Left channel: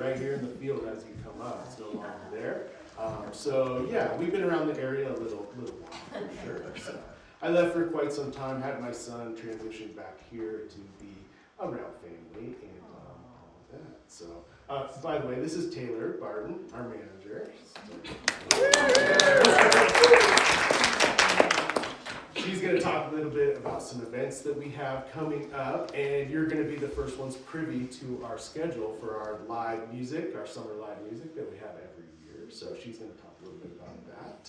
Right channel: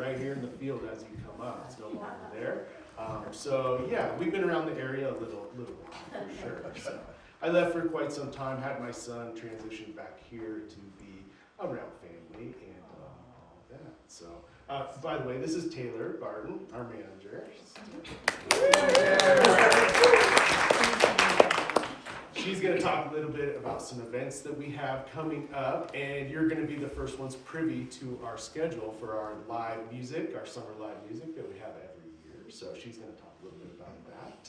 right here in the field as you come up. It's no longer there. So yeah, we've been around the area a little while for sure. So I left for quite some time, had my son transition back here to be around family and all of that. So by the way, this is Taylor Barton, our manager. She's going to talk a little bit about some events that we have coming up, and you're going to be the first ones privy to our schedule for our live music, our summer live music that we have every year. So she's going to talk a little bit about that.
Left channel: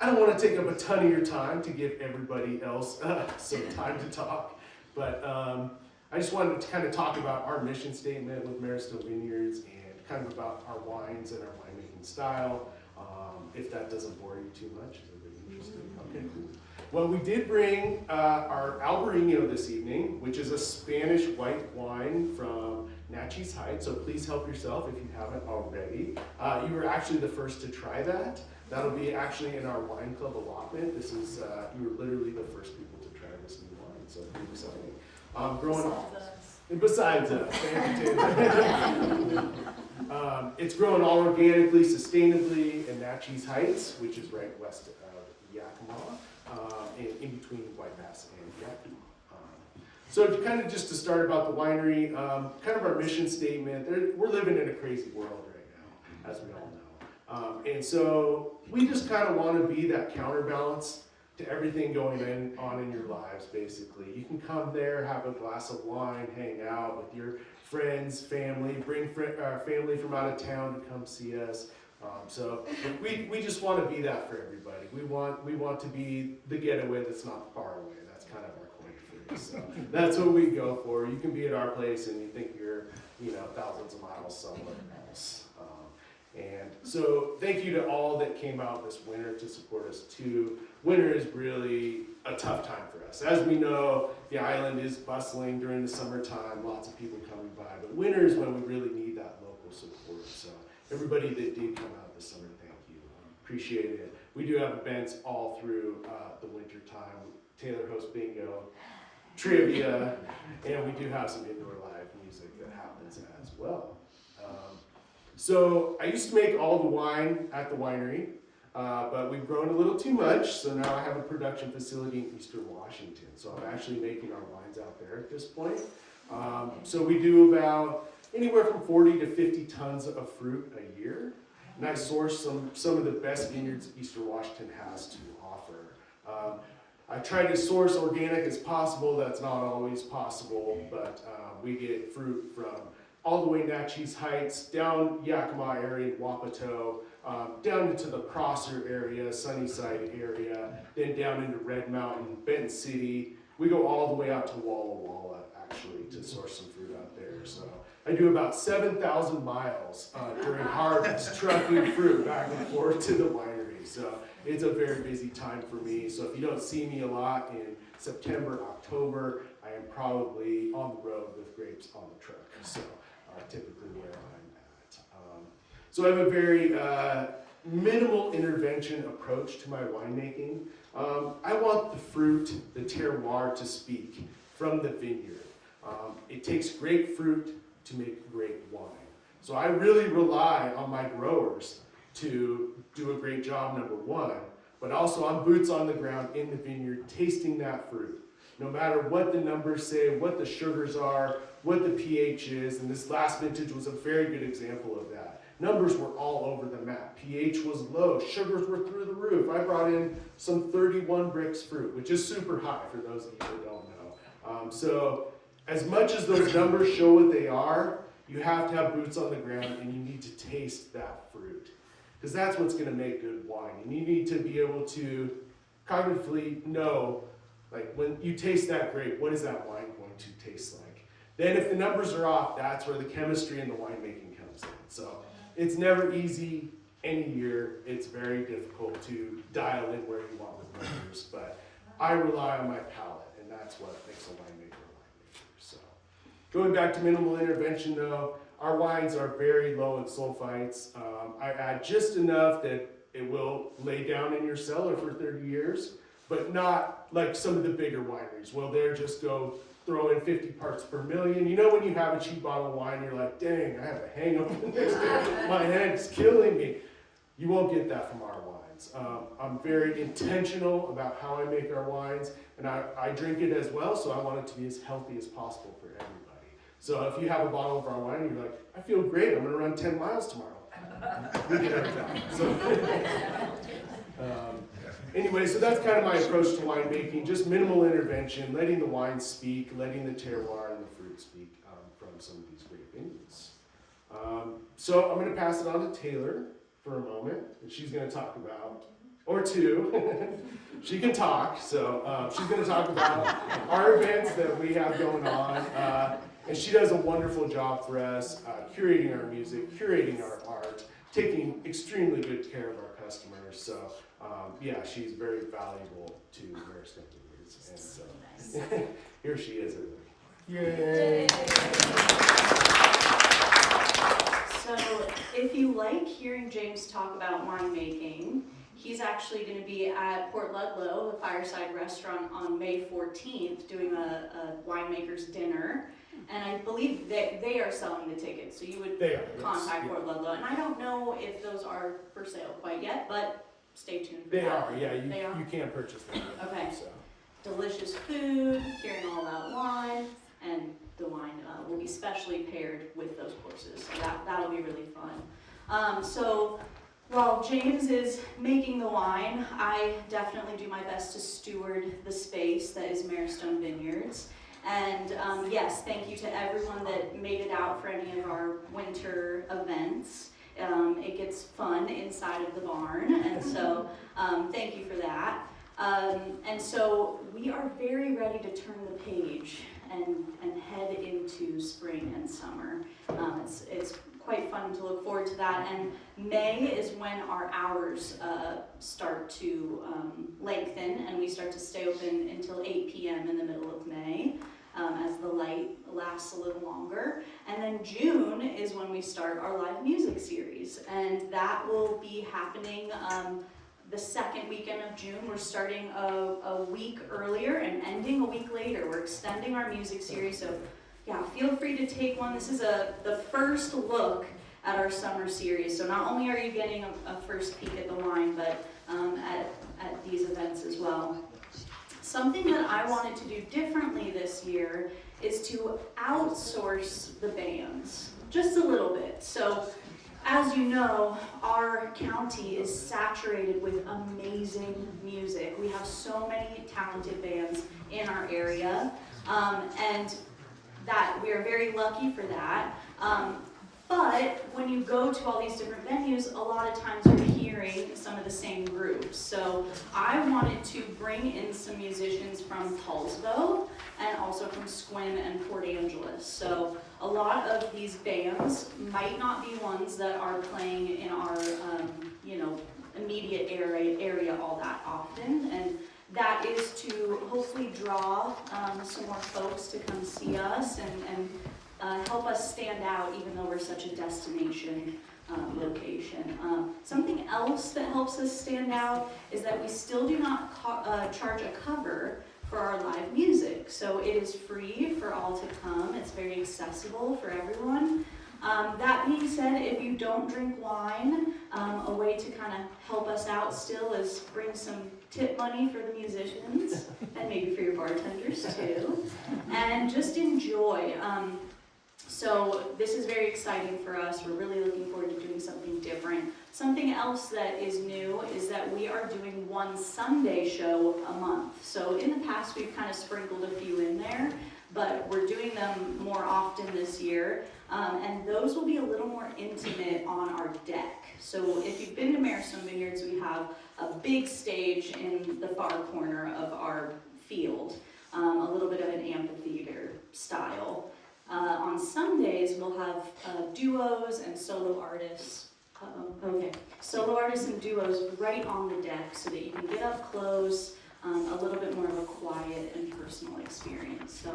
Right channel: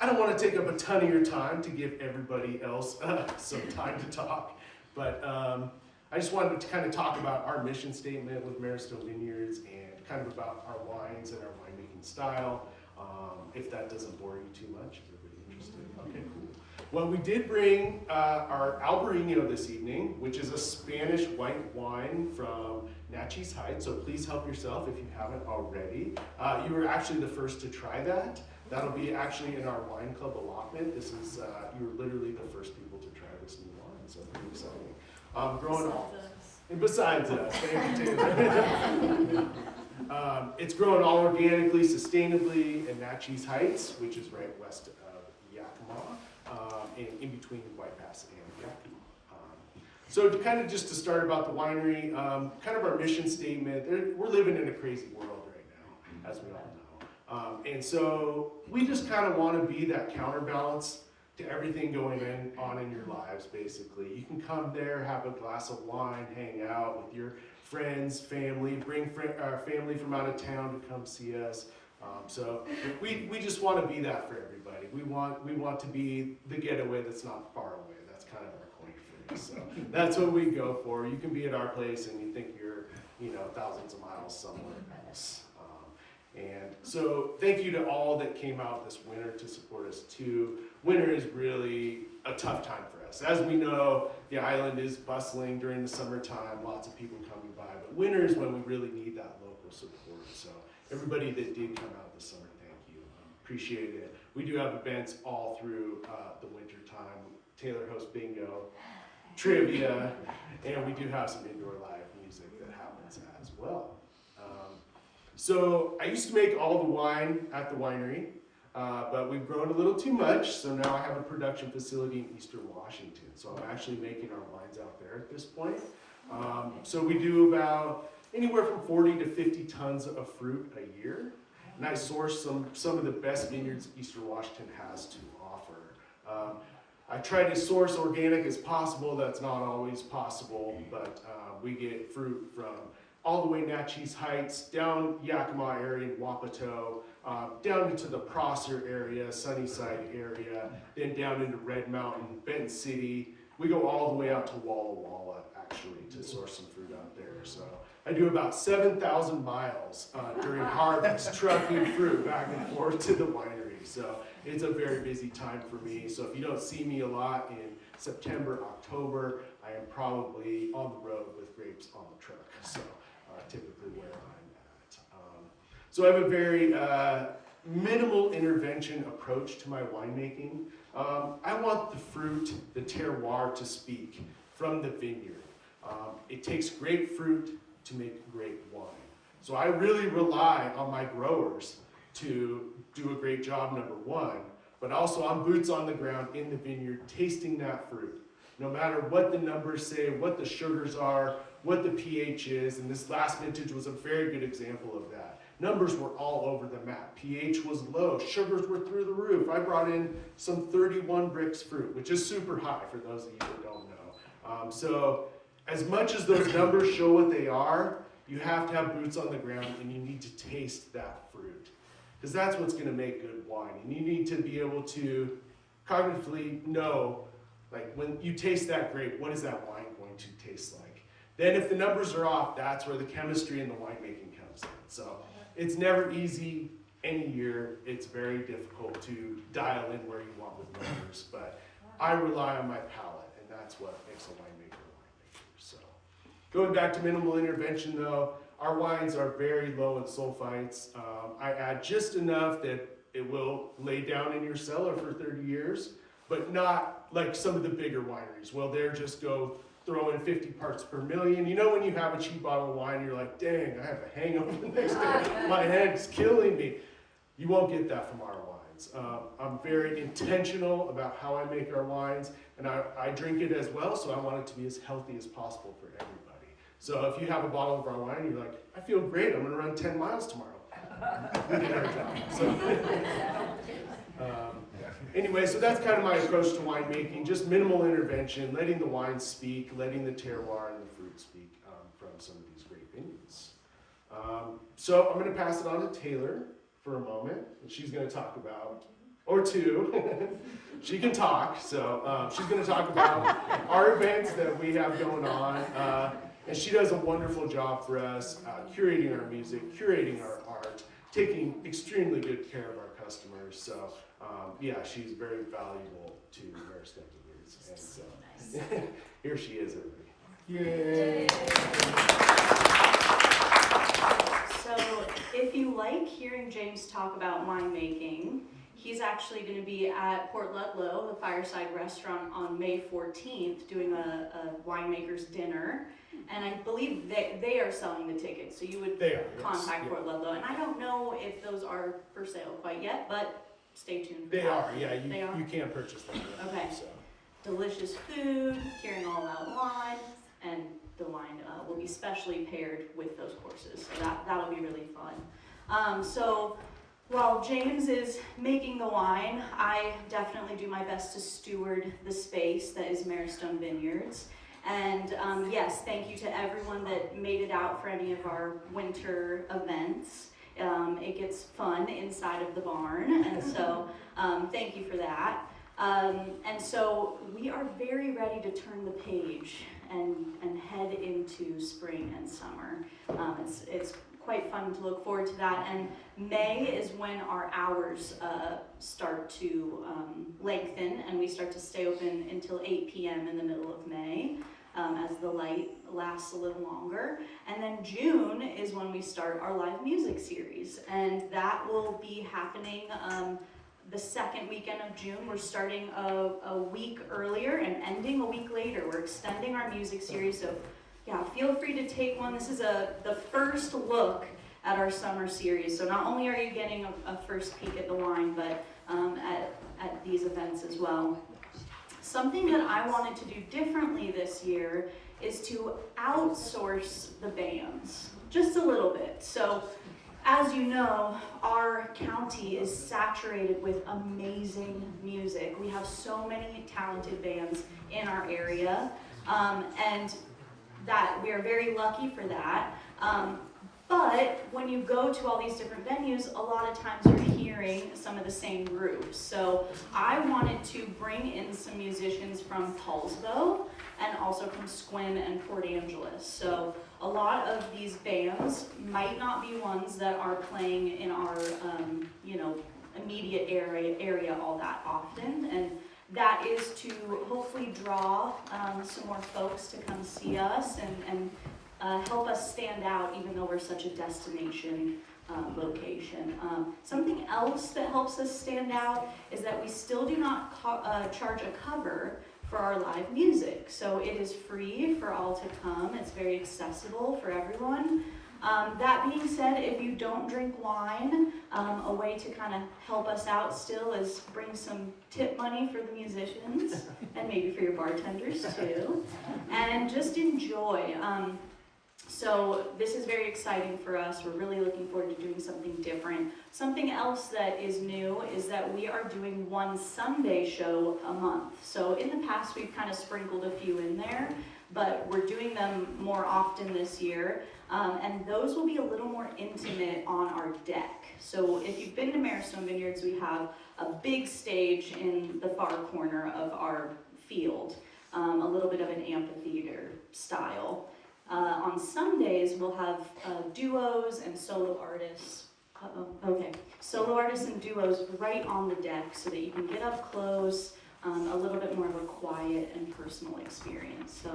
I don't want to take up a ton of your time to give everybody else some time to talk, but I just wanted to kind of talk about our mission statement with Maristone Vineyards and kind of about our wines and our winemaking style. If that doesn't bore you too much, is everybody interested? Okay, cool. Well, we did bring our Albarino this evening, which is a Spanish white wine from Natchez Heights, so please help yourself if you haven't already. You were actually the first to try that. That'll be actually in our wine club allotment. This is, you were literally the first people to try this new wine, so pretty exciting. Besides us, thank you, Taylor. It's grown all organically, sustainably in Natchez Heights, which is right west of Yakima, in between White Pass and Yaqui. So just to start about the winery, kind of our mission statement, we're living in a crazy world right now, as we all know. And so we just kind of want to be that counterbalance to everything going on in your lives, basically. You can come there, have a glass of wine, hang out with your friends, family, bring family from out of town to come see us. So we just want to be that for everybody. We want to be the getaway that's not far away. That's kind of our claim for this. So that's what we go for. You can be at our place and you think you're, thousands of miles somewhere else. And so thank you to all that came out this winter to support us too. Winter is really a tough time for us. As we know, the island is bustling during the summertime, lots of people coming by, but winter is when we really need that local support. So everybody that did come out this summer, thank you. Appreciate it. We do have events all through the winter time. Taylor hosts bingo, trivia, and we do have some indoor live music that happens as well. So I used to make all the wine at the winery, but we've grown a little too much, so now I have a production facility in Eastern Washington. So I'm actually making our wines out there at this point. So we do about anywhere from 40 to 50 tons of fruit a year, and I source some of the best vineyards Eastern Washington has to offer. I try to source organic as possible. That's not always possible, but we get fruit from all the way Natchez Heights, down Yakima area, Wapato, down into the Prosser area, Sunnyside area, then down into Red Mountain, Benton City. We go all the way out to Walla Walla, actually, to source some fruit out there. So I do about 7,000 miles during harvest, trucking fruit back and forth to the winery. So it's a very busy time for me. So if you don't see me a lot in September, October, I am probably on the road with grapes on the truck. So typically where I'm at. So I have a very minimal intervention approach to my winemaking. I want the fruit, the terroir to speak from the vineyard. It takes great fruit to make great wine. So I really rely on my growers to do a great job, number one, but also I'm boots on the ground in the vineyard tasting that fruit. No matter what the numbers say, what the sugars are, what the pH is, and this last vintage was a very good example of that. Numbers were all over the map. pH was low, sugars were through the roof. I brought in some 31 bricks fruit, which is super high for those of you that don't know. So as much as those numbers show what they are, you have to have boots on the ground and you need to taste that fruit. Because that's what's gonna make good wine. And you need to be able to cognitively know, like when you taste that grape, what is that wine going to taste like? Then if the numbers are off, that's where the chemistry and the winemaking comes in. So it's never easy any year. It's very difficult to dial in where you want with numbers, but I rely on my palate, and that's what makes a winemaker a winemaker. So going back to minimal intervention though, our wines are very low in sulfites. I add just enough that it will lay down in your cellar for 30 years, but not like some of the bigger wineries. Well, they'll just go throw in 50 parts per million. You know when you have a cheap bottle of wine, you're like, dang, I have a hangover the next day. My head's killing me. You won't get that from our wines. I'm very intentional about how I make our wines, and I drink it as well, so I want it to be as healthy as possible for everybody. So if you have a bottle of our wine and you're like, I feel great, I'm gonna run 10 miles tomorrow. We can drink that. So, anyway, so that's kind of my approach to winemaking, just minimal intervention, letting the wine speak, letting the terroir and the fruit speak from some of these great vineyards. So I'm gonna pass it on to Taylor for a moment, and she's going to talk about, or two, she can talk, so she's going to talk about our events that we have going on, and she does a wonderful job for us, curating our music, curating our art, taking extremely good care of our customers, so yeah, she's very valuable to Maristone Vineyards, and so here she is, everybody. Yay! So if you like hearing James talk about winemaking, he's actually going to be at Port Ludlow, the Fireside Restaurant, on May 14th doing a winemaker's dinner. And I believe they are selling the tickets, so you would contact Port Ludlow. And I don't know if those are for sale quite yet, but stay tuned. They are, yeah, you can purchase them. Okay. So. Delicious food, hearing all about wine, and the wine will be specially paired with those courses, so that'll be really fun. So while James is making the wine, I definitely do my best to steward the space that is Maristone Vineyards. And yes, thank you to everyone that made it out for any of our winter events. It gets fun inside of the barn, and so thank you for that. And so we are very ready to turn the page and head into spring and summer. It's quite fun to look forward to that. And May is when our hours start to lengthen, and we start to stay open until 8 p.m. in the middle of May as the light lasts a little longer. And then June is when we start our live music series, and that will be happening the second weekend of June. We're starting a week earlier and ending a week later. We're extending our music series, so yeah, feel free to take one. This is the first look at our summer series. So not only are you getting a first peek at the wine, but at these events as well. Something that I wanted to do differently this year is to outsource the bands just a little bit. So as you know, our county is saturated with amazing music. We have so many talented bands in our area, and that we are very lucky for that. But when you go to all these different venues, a lot of times you're hearing some of the same groups. So I wanted to bring in some musicians from Tullsville and also from Squim and Port Angeles. So a lot of these bands might not be ones that are playing in our immediate area all that often. And that is to hopefully draw some more folks to come see us and help us stand out, even though we're such a destination location. Something else that helps us stand out is that we still do not charge a cover for our live music. So it is free for all to come. It's very accessible for everyone. That being said, if you don't drink wine, a way to kind of help us out still is bring some tip money for the musicians and maybe for your bartenders too, and just enjoy. So this is very exciting for us. We're really looking forward to doing something different. Something else that is new is that we are doing one Sunday show a month. So in the past, we've kind of sprinkled a few in there, but we're doing them more often this year. And those will be a little more intimate on our deck. So if you've been to Maristone Vineyards, we have a big stage in the far corner of our field, a little bit of an amphitheater style. On Sundays, we'll have duos and solo artists. Solo artists and duos right on the deck so that you can get up close, a little bit more of a quiet and personal experience. So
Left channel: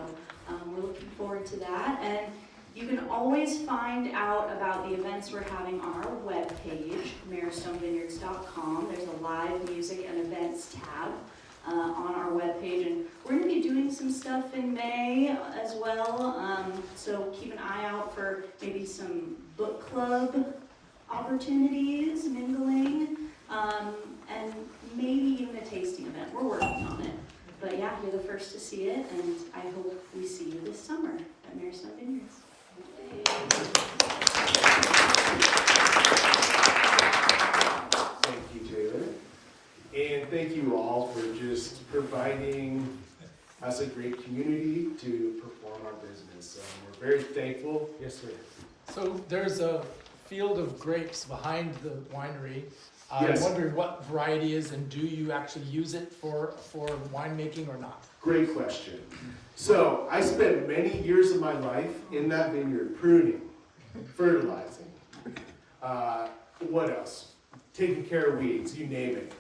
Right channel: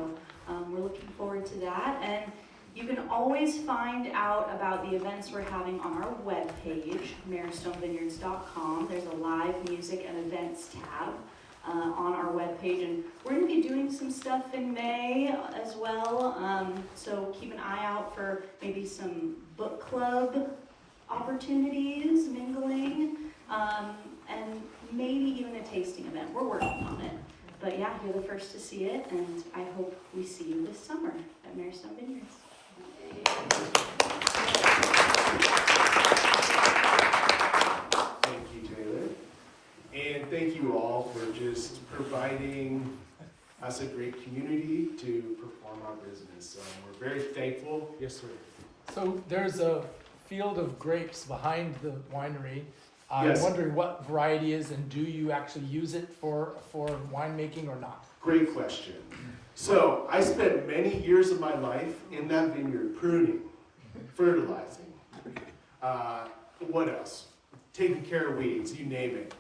we're looking forward to that. And you can always find out about the events we're having on our webpage, maristonevineyards.com. There's a live music and events tab. on our webpage. And we're going to be doing some stuff in May as well. So keep an eye out for maybe some book club opportunities, mingling, and maybe even a tasting event. We're working on it. But yeah, you're the first to see it, and I hope we see you this summer at Marystone Vineyards. Thank you, Taylor. And thank you all for just providing us a great community to perform our business. We're very thankful. Yes, sir. So there's a field of grapes behind the winery. Yes. I'm wondering what variety is, and do you actually use it for winemaking or not? Great question. So I spent many years of my life in that vineyard pruning, fertilizing, what else? Taking care of weeds, you name it.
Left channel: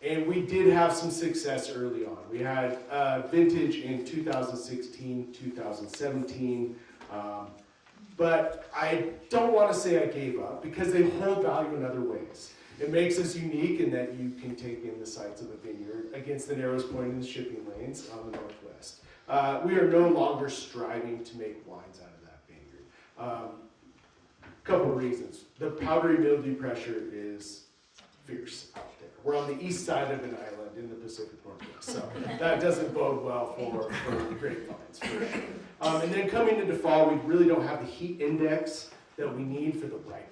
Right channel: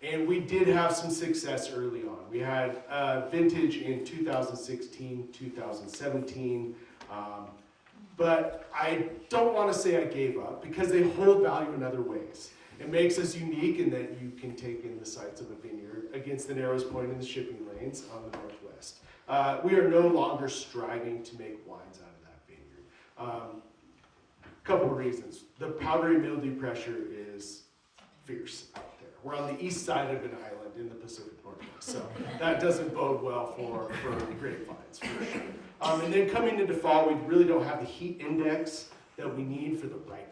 And we did have some success early on. We had vintage in 2016, 2017. But I don't want to say I gave up because they hold value in other ways. It makes us unique in that you can take in the sights of a vineyard against the narrows point in the shipping lanes on the northwest. We are no longer striving to make wines out of that vineyard. Couple of reasons. The powdery mildew pressure is fierce out there. We're on the east side of an island in the Pacific Northwest, so that doesn't bode well for grapevines, for sure. And then coming into fall, we really don't have the heat index that we need for the ripening.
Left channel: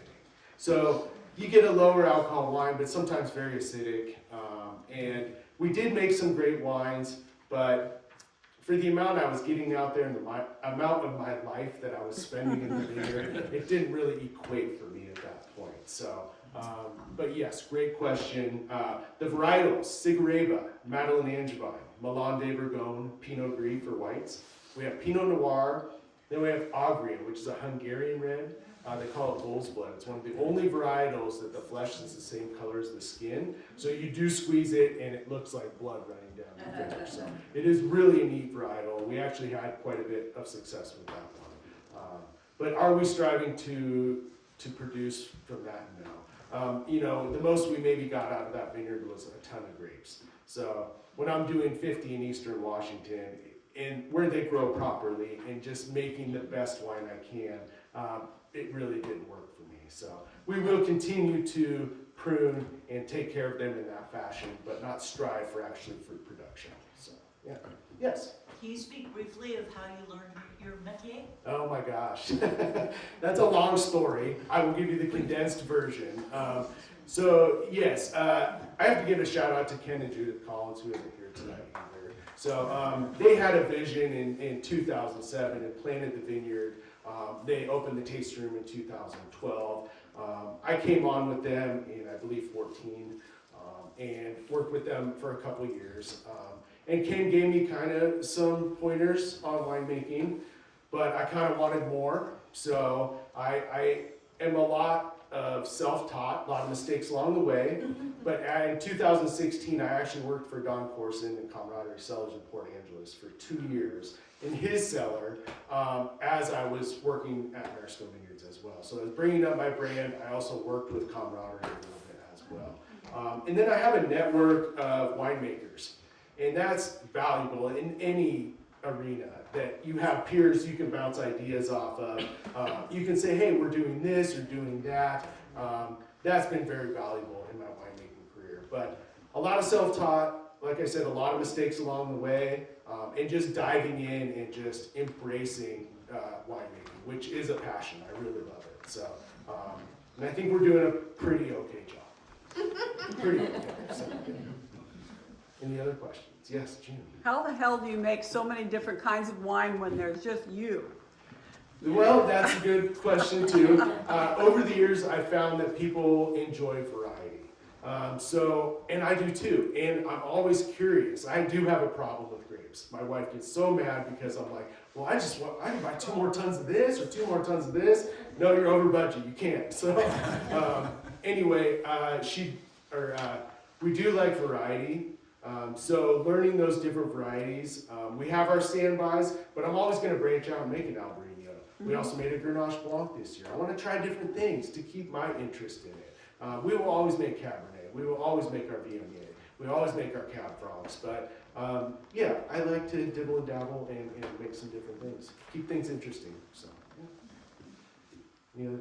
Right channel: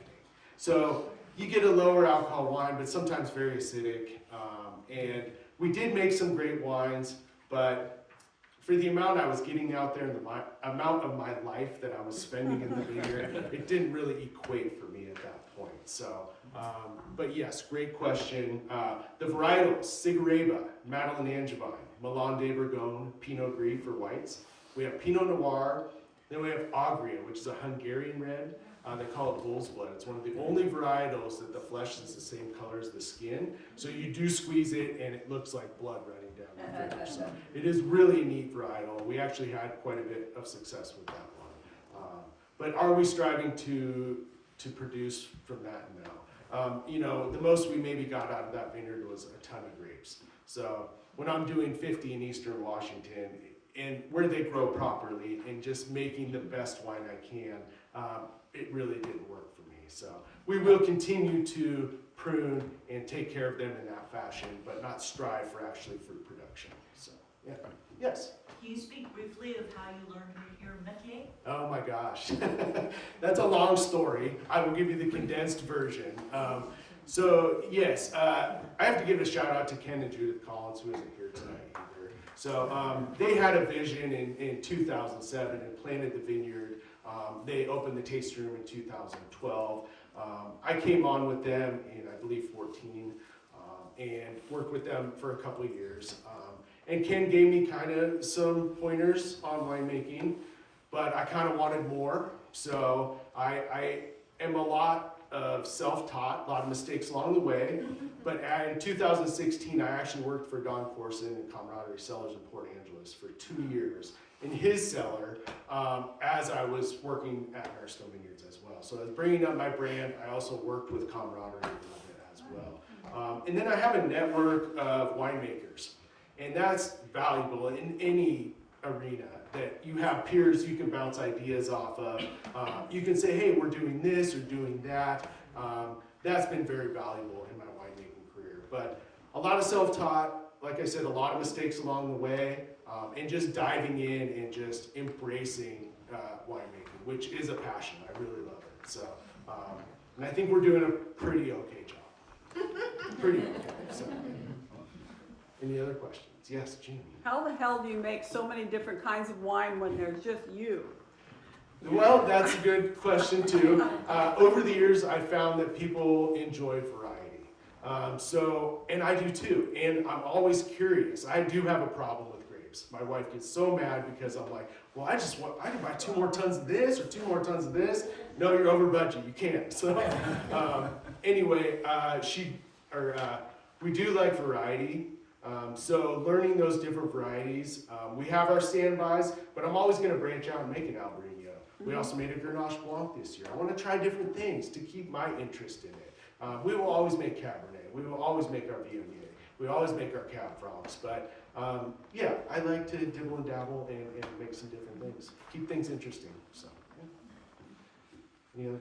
So you get a lower alcohol wine, but sometimes very acidic. And we did make some great wines, but for the amount I was getting out there and the amount of my life that I was spending in the vineyard, it didn't really equate for me at that point. So, but yes, great question. The varietals: Cigareva, Madeleine Angevine, Milan de Bourgogne, Pinot Gris for whites. We have Pinot Noir. Then we have Agria, which is a Hungarian red. They call it bull's blood. It's one of the only varietals that the flesh is the same color as the skin. So you do squeeze it and it looks like blood running down the finger. So it is really a neat varietal. We actually had quite a bit of success with that one. But are we striving to produce from that? No. The most we maybe got out of that vineyard was a ton of grapes. So when I'm doing 50 in Eastern Washington, and where they grow properly and just making the best wine I can, it really didn't work for me. So we will continue to prune and take care of them in that fashion, but not strive for actually fruit production. So, yeah. Yes? Can you speak briefly of how you learned your métier? Oh my gosh. That's a long story. I will give you the condensed version. So, yes, I have to give a shout out to Ken and Judith Collins, who isn't here tonight either. So they had a vision in 2007 and planted the vineyard. They opened the taste room in 2012. I came on with them in, I believe, 14 and worked with them for a couple of years. And Ken gave me kind of some pointers on winemaking, but I kind of wanted more. So I am a lot of self-taught, a lot of mistakes along the way. But in 2016, I actually worked for Don Corson and Camaraderie Cellars in Port Angeles for 2 years in his cellar as I was working at Marystone Vineyards as well. So I was bringing up my brand. I also worked with Camaraderie a little bit as well. And then I have a network of winemakers, and that's valuable in any arena, that you have peers you can bounce ideas off of. You can say, hey, we're doing this or doing that. That's been very valuable in my winemaking career. But a lot of self-taught, like I said, a lot of mistakes along the way, and just diving in and just embracing winemaking, which is a passion. I really love it. So, and I think we're doing a pretty okay job. Pretty okay. So, any other questions? Yes, Jim. How the hell do you make so many different kinds of wine when there's just you? Well, that's a good question too. Over the years, I found that people enjoy variety. And I do too. And I'm always curious. I do have a problem with grapes. My wife gets so mad because I'm like, well, I can buy 2 more tons of this or 2 more tons of this. No, you're over budget. You can't. So anyway, we do like variety. So learning those different varieties, we have our standbys, but I'm always going to branch out and make an Albarino. We also made a Grenache Blanc this year. I want to try different things to keep my interest in it. We will always make Cabernet. We will always make our Viognier. We always make our cab frogs, but yeah, I like to dibble and dabble and make some different things. Keep things interesting, so. Yeah. Any other